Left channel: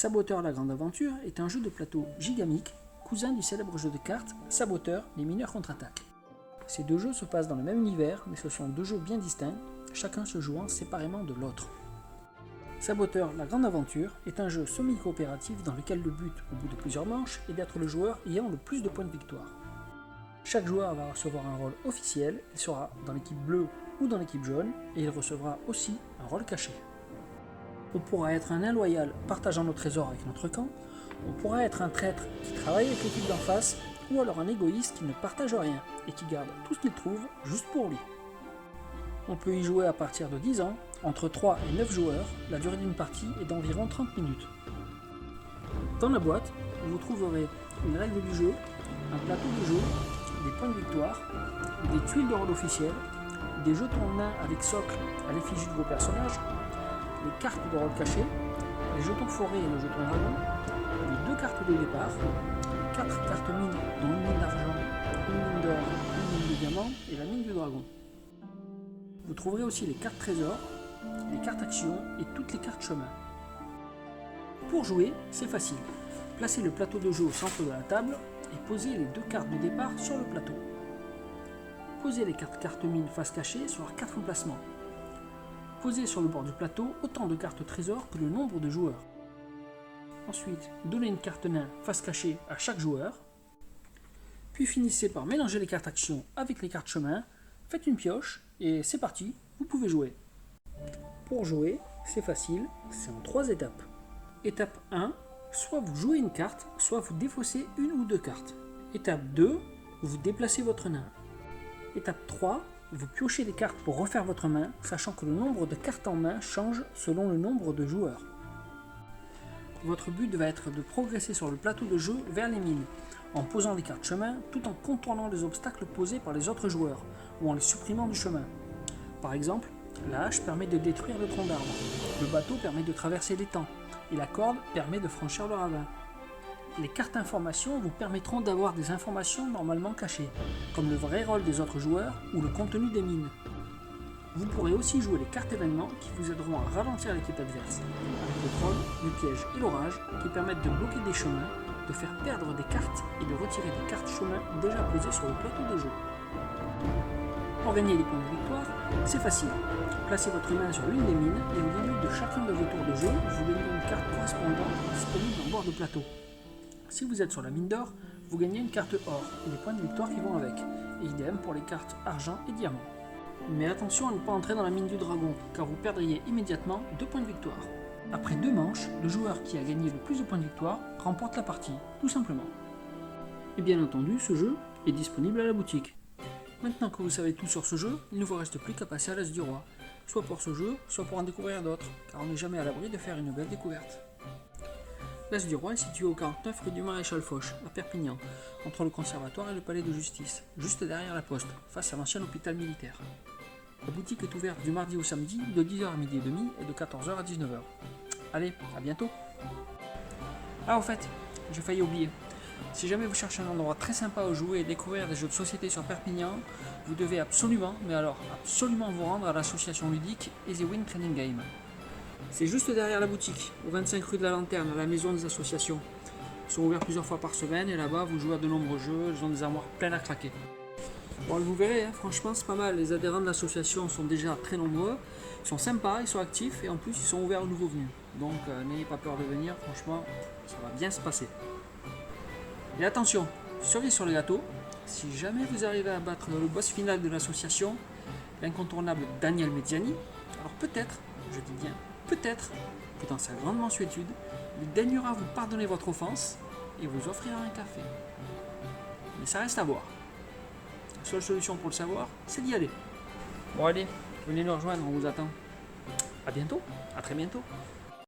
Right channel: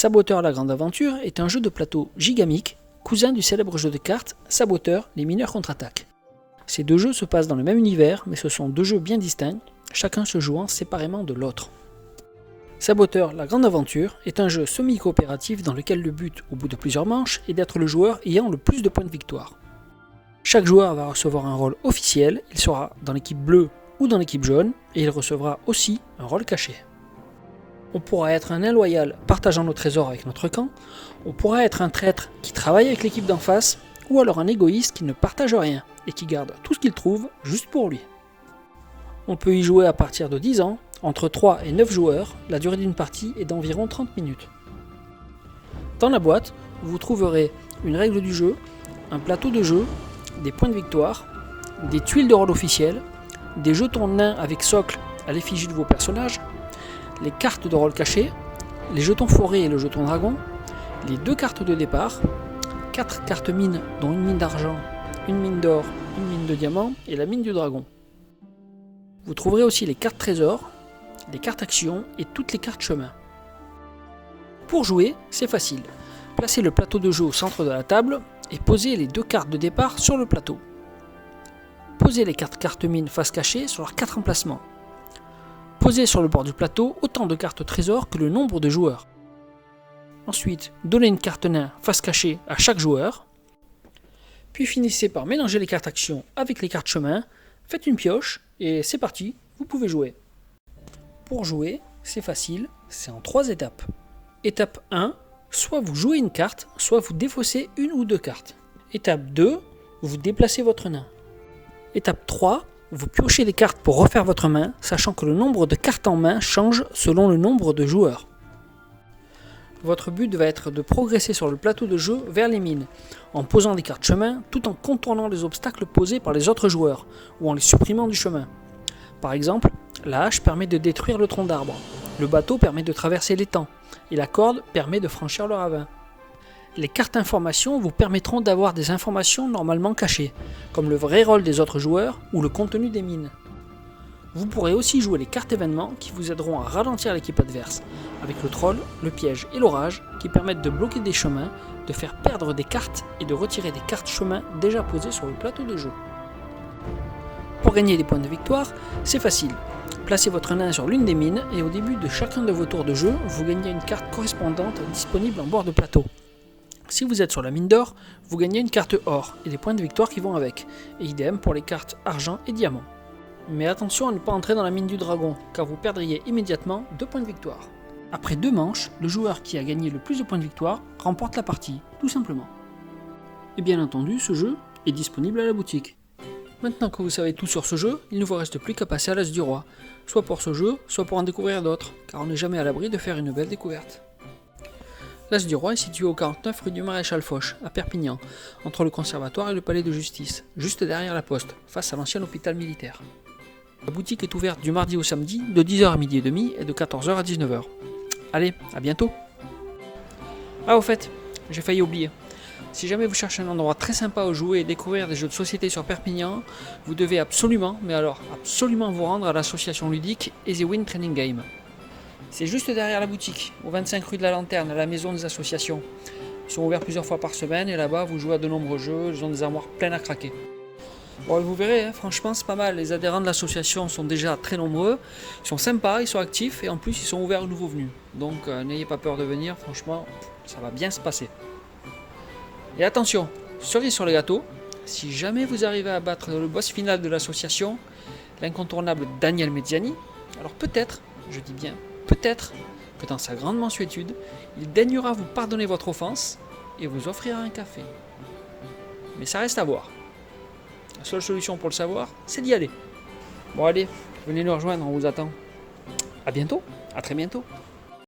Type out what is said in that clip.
Saboteur la Grande Aventure est un jeu de plateau gigamique, cousin du célèbre jeu de cartes Saboteur, les mineurs contre-attaquent. Ces deux jeux se passent dans le même univers, mais ce sont deux jeux bien distincts, chacun se jouant séparément de l'autre. Saboteur la Grande Aventure est un jeu semi-coopératif dans lequel le but, au bout de plusieurs manches, est d'être le joueur ayant le plus de points de victoire. Chaque joueur va recevoir un rôle officiel, il sera dans l'équipe bleue ou dans l'équipe jaune, et il recevra aussi un rôle caché. On pourra être un nain loyal partageant nos trésors avec notre camp, on pourra être un traître qui travaille avec l'équipe d'en face, ou alors un égoïste qui ne partage rien et qui garde tout ce qu'il trouve juste pour lui. On peut y jouer à partir de 10 ans, entre 3 et 9 joueurs, la durée d'une partie est d'environ 30 minutes. Dans la boîte, vous trouverez une règle du jeu, un plateau de jeu, des points de victoire, des tuiles de rôle officielles, des jetons nains avec socle à l'effigie de vos personnages, les cartes de rôle cachées, les jetons forêt et le jeton dragon, les 2 cartes de départ, 4 cartes mines dont une mine d'argent, une mine d'or, une mine de diamant et la mine du dragon. Vous trouverez aussi les cartes trésors, les cartes actions et toutes les cartes chemin. Pour jouer, c'est facile. Placez le plateau de jeu au centre de la table et posez les 2 cartes de départ sur le plateau. Posez les cartes mines face cachée sur leurs 4 emplacements. Posez sur le bord du plateau autant de cartes trésors que le nombre de joueurs. Ensuite, donnez une carte nain face cachée à chaque joueur. Puis finissez par mélanger les cartes actions avec les cartes chemin, faites une pioche et c'est parti, vous pouvez jouer. Pour jouer, c'est facile, c'est en 3 étapes. Étape 1, soit vous jouez une carte, soit vous défaussez une ou 2 cartes. Étape 2, vous déplacez votre nain. Étape 3, vous piochez des cartes pour refaire votre main, sachant que le nombre de cartes en main change selon le nombre de joueurs. Votre but va être de progresser sur le plateau de jeu vers les mines, en posant des cartes chemin tout en contournant les obstacles posés par les autres joueurs, ou en les supprimant du chemin. Par exemple, la hache permet de détruire le tronc d'arbre, le bateau permet de traverser l'étang, et la corde permet de franchir le ravin. Les cartes informations vous permettront d'avoir des informations normalement cachées, comme le vrai rôle des autres joueurs ou le contenu des mines. Vous pourrez aussi jouer les cartes événements qui vous aideront à ralentir l'équipe adverse, avec le troll, le piège et l'orage qui permettent de bloquer des chemins, de faire perdre des cartes et de retirer des cartes chemins déjà posées sur le plateau de jeu. Pour gagner des points de victoire, c'est facile. Placez votre nain sur l'une des mines et au début de chacun de vos tours de jeu, vous gagnez une carte correspondante disponible en bord de plateau. Si vous êtes sur la mine d'or, vous gagnez une carte or et les points de victoire qui vont avec, et idem pour les cartes argent et diamant. Mais attention à ne pas entrer dans la mine du dragon, car vous perdriez immédiatement 2 points de victoire. Après 2 manches, le joueur qui a gagné le plus de points de victoire remporte la partie, tout simplement. Et bien entendu, ce jeu est disponible à la boutique. Maintenant que vous savez tout sur ce jeu, il ne vous reste plus qu'à passer à l'As du Roi, soit pour ce jeu, soit pour en découvrir d'autres, car on n'est jamais à l'abri de faire une belle découverte. L'As du Roi est situé au 49 rue du Maréchal Foch, à Perpignan, entre le conservatoire et le palais de justice, juste derrière la poste, face à l'ancien hôpital militaire. La boutique est ouverte du mardi au samedi, de 10h à midi et demi et de 14h à 19h. Allez, à bientôt. Ah au fait, j'ai failli oublier. Si jamais vous cherchez un endroit très sympa où jouer et découvrir des jeux de société sur Perpignan, vous devez absolument, mais alors absolument vous rendre à l'association ludique Easy Win Training Game. C'est juste derrière la boutique, au 25 rue de la Lanterne, à la maison des associations. Ils sont ouverts plusieurs fois par semaine et là-bas vous jouez à de nombreux jeux, ils ont des armoires pleines à craquer. Bon, vous verrez, franchement c'est pas mal, les adhérents de l'association sont déjà très nombreux, ils sont sympas, ils sont actifs et en plus ils sont ouverts aux nouveaux venus. Donc n'ayez pas peur de venir, franchement ça va bien se passer. Et attention, cerise sur le gâteau, si jamais vous arrivez à battre le boss final de l'association, l'incontournable Daniel Mezziani, alors peut-être, je dis bien peut-être, que dans sa grande mansuétude, il daignera vous pardonner votre offense et vous offrira un café. Mais ça reste à voir. La seule solution pour le savoir, c'est d'y aller. Bon allez, venez nous rejoindre, on vous attend. À bientôt, à très bientôt.